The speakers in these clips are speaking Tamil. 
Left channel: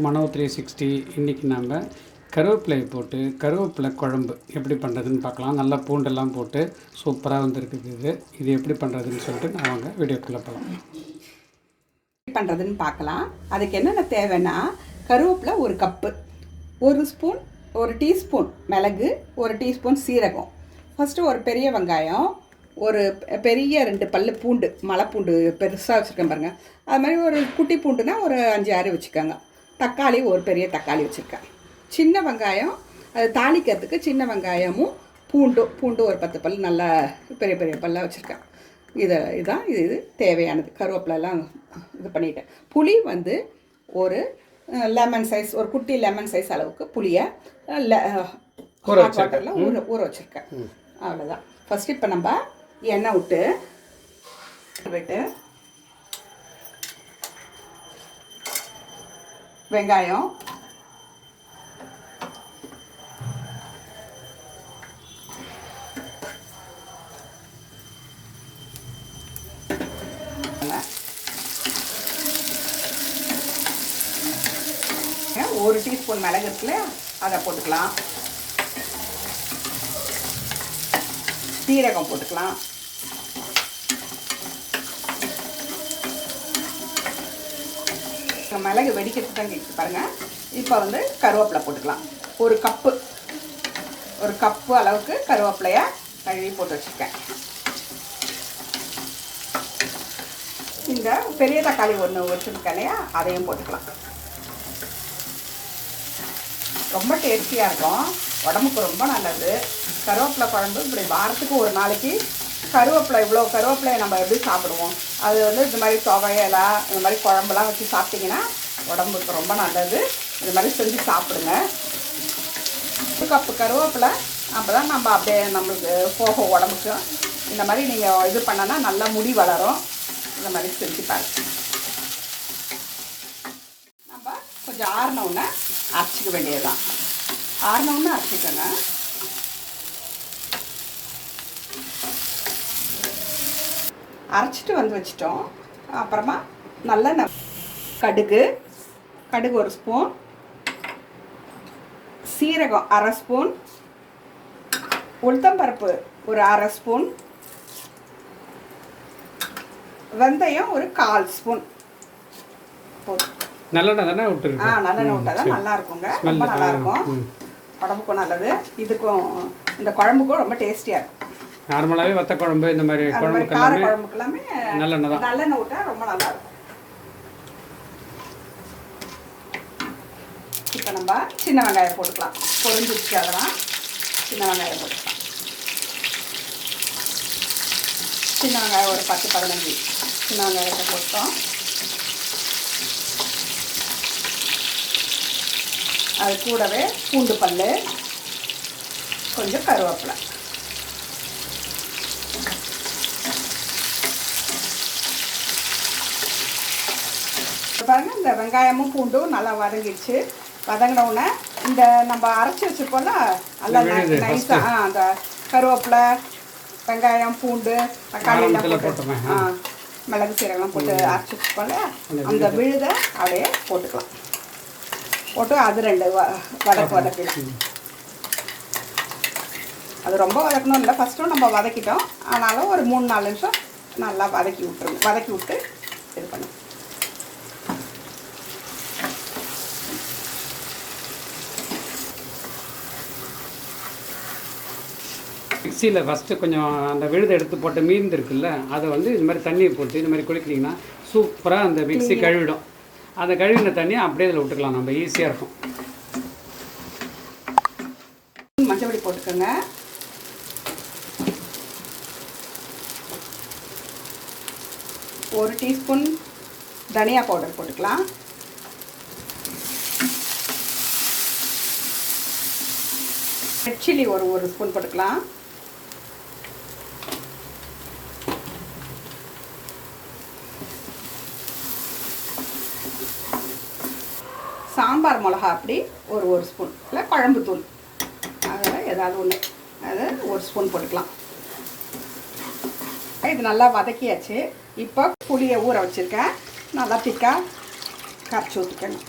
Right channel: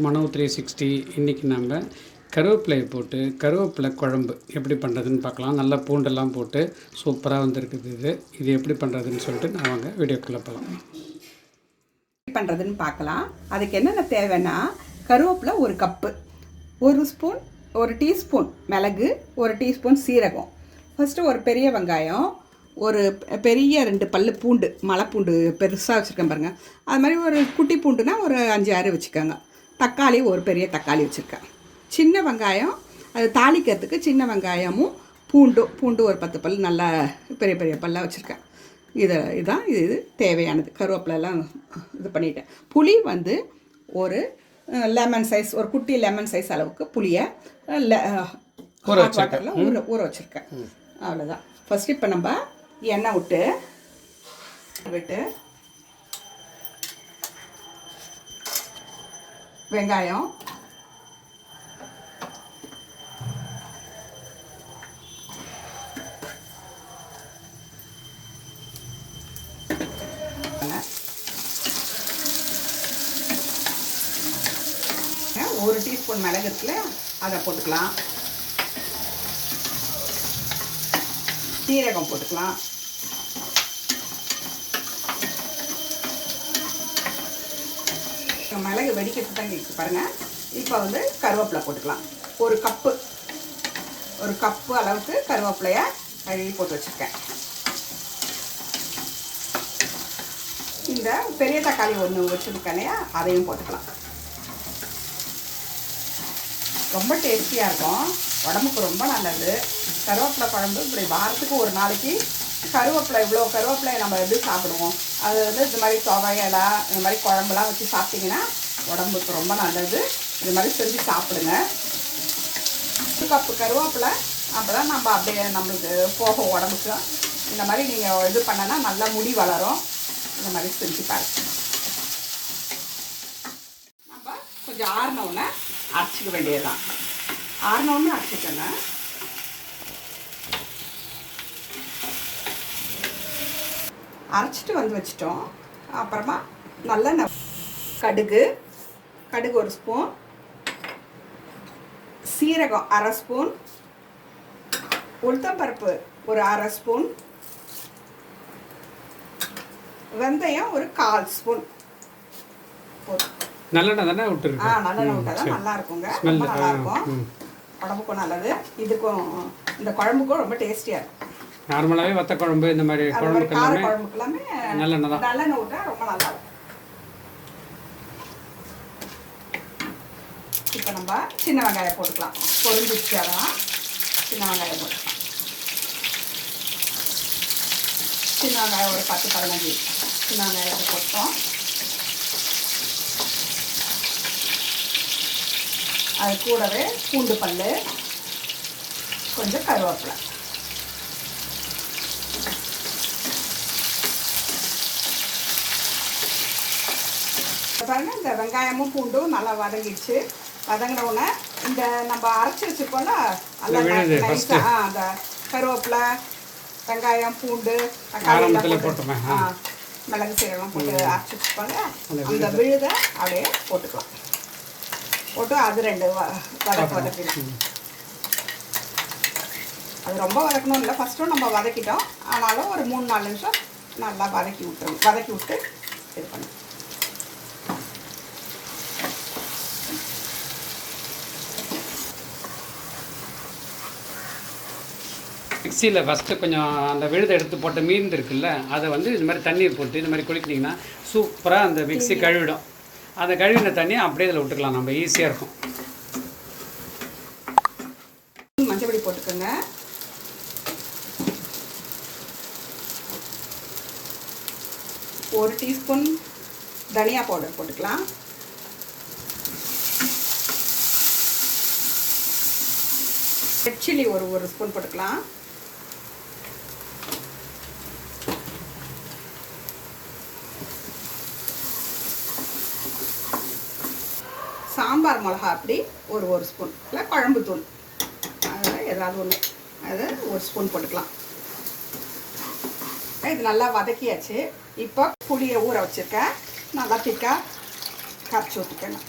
மனோ த்ரீ சிக்ஸ்டி இன்றைக்கி நம்ம கருவேப்பிலையை போட்டு கருவேப்பிலை குழம்பு எப்படி பண்ணுறதுன்னு பார்க்கலாம். நல்லா பூண்டெல்லாம் போட்டு சூப்பராக வந்திருக்குது இது. இது எப்படி பண்ணுறதுன்னு சொல்லிட்டு நான் அவங்க வீடியோக்குள்ளே போகலாம் எப்படி பண்ணுறதுன்னு பார்க்கலாம். அதுக்கு என்னென்ன தேவைன்னா கருவேப்பிலை ஒரு கப்பு ஒரு ஸ்பூன் ஒரு டீஸ்பூன் மிளகு ஒரு டீஸ்பூன் சீரகம். ஃபஸ்ட்டு ஒரு பெரிய வெங்காயம் ஒரு பெரிய ரெண்டு பல் பூண்டு மலைப்பூண்டு பெருசாக வச்சுருக்கேன் பாருங்கள் அது மாதிரி ஒரு குட்டி பூண்டுனா ஒரு அஞ்சு ஆறு வச்சுக்கோங்க. தக்காளி ஒரு பெரிய தக்காளி வச்சுருக்கேன். சின்ன வெங்காயம் அது தாளிக்கிறதுக்கு சின்ன வெங்காயமும் பூண்டும் பூண்டு ஒரு பத்து பல் நல்லா பெரிய பெரிய பல்லாக வச்சுருக்கேன். இதை இதுதான் இது இது தேவையானது. கருவேப்பிலெல்லாம் இது பண்ணிட்டேன். புளி வந்து ஒரு லெமன் சைஸ் ஒரு குட்டி லெமன் சைஸ் அளவுக்கு புளியை ஊற. வாட்டரில் ஊற ஊற வச்சுருக்கேன். அவ்வளோதான் ஃபஸ்ட்டு இப்போ நம்ம எண்ணெய் விட்டு விட்டு வெங்காயம். ஒரு டீஸ்பூன் மிளகு இருக்குல்ல அதை போட்டுக்கலாம். சீரகம் போட்டுக்கலாம். மிளகு வெடிக்கிறது தான் கேட்குது பாருங்கள் இப்போ வந்து கருவேப்பிலை போட்டுக்கலாம். ஒரு கப்பு ஒரு கப்பு அளவுக்கு கருவேப்பிலையை கழுவி போட்டு வச்சுருக்கேன். இந்த பெரிய தக்காளி ஒன்று வச்சுருக்கேன் இல்லையா? அதையும் போட்டுக்கலாம். ரொம்ப டேஸ்டியாக இருக்கும். உடம்புக்கு ரொம்ப நல்லது. கருவேப்பிலை குழம்பு இப்படி வாரத்துக்கு ஒரு நாளைக்கு கருவேப்பிலை இவ்வளோ கருவேப்பிலையை நம்ம எப்படி சாப்பிடுவோம்? அது வந்து இந்த மாதிரி துவையலா இந்த மாதிரி குழம்புலாம் வச்சு சாப்பிட்டிங்கன்னா உடம்புக்கு ரொம்ப நல்லது. இந்த மாதிரி செஞ்சு சாப்பிடுங்க. ஒரு கப்பு கருவேப்பிலை நம்ம தான் நம்ம அப்படியே நம்மளுக்கு போகும் உடம்புக்கு. இந்த மாதிரி நீங்கள் இது பண்ணனா நல்லா முடி வளரும். இந்த மாதிரி செஞ்சு பாருங்க. நம்ம கொஞ்சம் ஆறினவுடனே அரைச்சிக்க வேண்டியதுதான். ஆறினவுடனே அரைச்சிக்கணும் அரைச்சிட்டு வந்து வச்சிட்டோம். அப்புறமா நல்லெண்ணெய் கடுகு கடுகு ஒரு ஸ்பூன் சீரகம் அரை ஸ்பூன் உளுத்தம்பருப்பு ஒரு அரை ஸ்பூன் வெந்தயம் ஒரு கால் ஸ்பூன். நல்லெண்ணெய் தானே ஆ விட்டுருக்கு நல்லெண்ணெய் விட்டா தான் நல்லா இருக்குங்க. நல்லா ஆ, இருக்கும். உடம்புக்கும் நல்லது. இதுக்கும் இந்த குழம்புக்கும் ரொம்ப டேஸ்டியா இருக்கும். நார்மலாகவே வத்த குழம்பு இந்த மாதிரி குழம்புக்கு எல்லாமே குழம்புக்கு எல்லாமே நல்லெண்ணெய் தான். நல்லெண்ணெய் விட்டா ரொம்ப நல்லா இருக்கும் இப்போ நம்ம சின்ன வெங்காயம் போட்டுக்கலாம். பொரிஞ்சிச்சு அதெல்லாம். சின்ன வெங்காயம் போட்டுக்கலாம். சின்ன வெங்காயம் ஒரு பத்து பதினஞ்சு. சின்ன வெங்காயத்தை போட்டோம். அது கூடவே பூண்டு பல் கொஞ்சம் கருவேப்பிலை. இப்ப பாருங்க. இந்த வெங்காயமும் பூண்டும் நல்லா வதங்கிடுச்சு. வதங்கின உடனே இந்த நம்ம அரைச்சி வச்சிருக்கோம்ல அந்த இந்த விழுது நை- first. நைஸா, ஆ, அந்த கருவேப்பிலை வெங்காயம் பூண்டு தக்காளி ஆ, மிளகு சீரகம் போட்டு அரைச்சி வச்சுக்கோங்க அந்த விழுதை. அப்படியே போட்டுக்கலாம். போட்டு அது ரெண்டு வதக்கு வதக்கிடும் அது ரொம்ப வதக்கணும் இல்லை. ஃபஸ்ட்டும் நம்ம வதக்கிட்டோம். ஆனாலும் ஒரு மூணு நாலு நிமிஷம் நல்லா வதக்கி விட்டுருங்க. வதக்கி விட்டு இது பண்ணி மிக்சியில் ஃபஸ்ட்டு கொஞ்சம் அந்த விழுதை எடுத்து போட்ட மீன் இருக்குல்ல அதை வந்து இந்த மாதிரி தண்ணியை போட்டு இந்த மாதிரி குளிக்கிட்டிங்கன்னா சூப்பராக அந்த மிக்ஸி கழுவிடும். அந்த கழுவின தண்ணியை அப்படியே இதில் விட்டுக்கலாம். நம்ம ஈஸியாக இருக்கும். மஞ்சள் பொடி போட்டுக்கோங்க. ஒரு டீஸ்பூன் தனியா பவுடர் போட்டுக்கலாம். ரெட் சில்லி ஒரு ஒரு ஸ்பூன் போட்டுக்கலாம். சாம்பார் மிளகா அப்படி ஒரு ஒரு ஸ்பூன் இல்லை குழம்பு தூள். அதில் ஏதாவது ஒன்று அது ஒரு ஸ்பூன் போட்டுக்கலாம். இது நல்லா வதக்கியாச்சு. இப்போ புளியை ஊற வச்சுருக்கேன். நல்லா திக்காக கரைச்சி ஊற்றிக்கணும்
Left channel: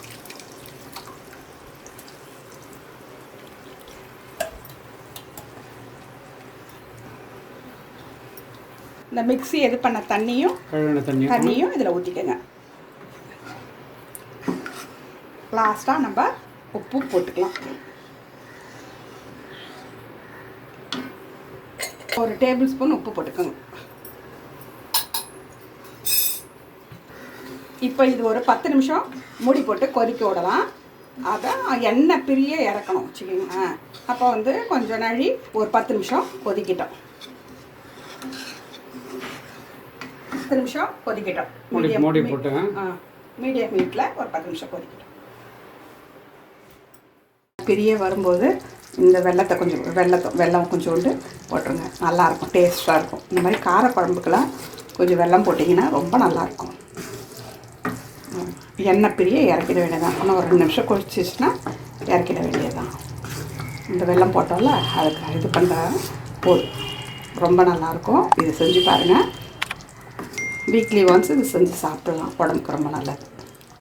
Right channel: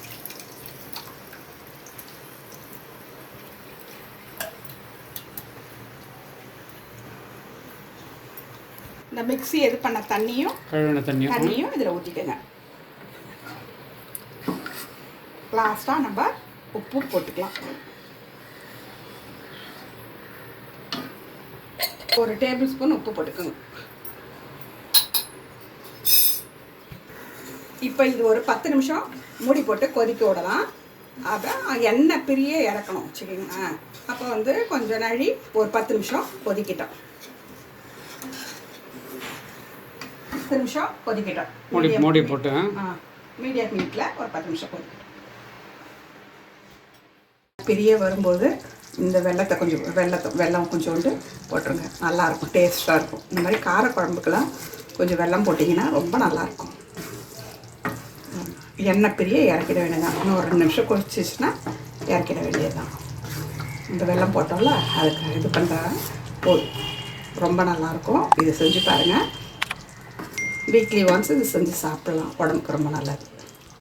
இந்த மிக்ஸி எது பண்ண தண்ணியும் தண்ணியும் இதில் ஊற்றிக்கங்க லாஸ்ட்டாக நம்ம உப்பு போட்டுக்கலாம். ஒரு டேபிள் ஸ்பூன் உப்பு போட்டுக்கோங்க. இப்போ இது ஒரு பத்து நிமிஷம் மூடி போட்டு கொதிக்க விடலாம். அதான் எண்ணெய் பிரிய இறக்கணும் வச்சுக்கோங்க. அப்போ வந்து கொஞ்சம் நாழி ஒரு பத்து நிமிஷம் கொதிக்கிட்டோம். பத்து நிமிஷம் கொதிக்கிட்டோம். மூடி. போட்டு மீடியம் ஹீட்டில் ஒரு பத்து நிமிஷம் கொதிக்கட்டும். பிரிய வரும்போது இந்த வெள்ளத்தை கொஞ்சம் வெள்ளத்தை வெல்லம் கொஞ்சோண்டு போட்டுருங்க. நல்லாயிருக்கும் டேஸ்ட்டாக இருக்கும். இந்த மாதிரி கார குழம்புக்கெல்லாம் கொஞ்சம் வெல்லம் போட்டிங்கன்னா ரொம்ப நல்லாயிருக்கும் எண்ணெய் பிரிய இறக்கிட வேண்டியதான் இன்னும் ஒரு ரெண்டு நிமிஷம் குடிச்சிச்சுன்னா இறக்கிட வேண்டியதுதான். இந்த வெல்லம் போட்டோம்ல அதுக்கு இது பண்ணுற போதும். ரொம்ப நல்லாயிருக்கும் இது செஞ்சு பாருங்கள் வீக்லி ஒன்ஸ் இது செஞ்சு சாப்பிடலாம். உடம்புக்கு ரொம்ப நல்லது.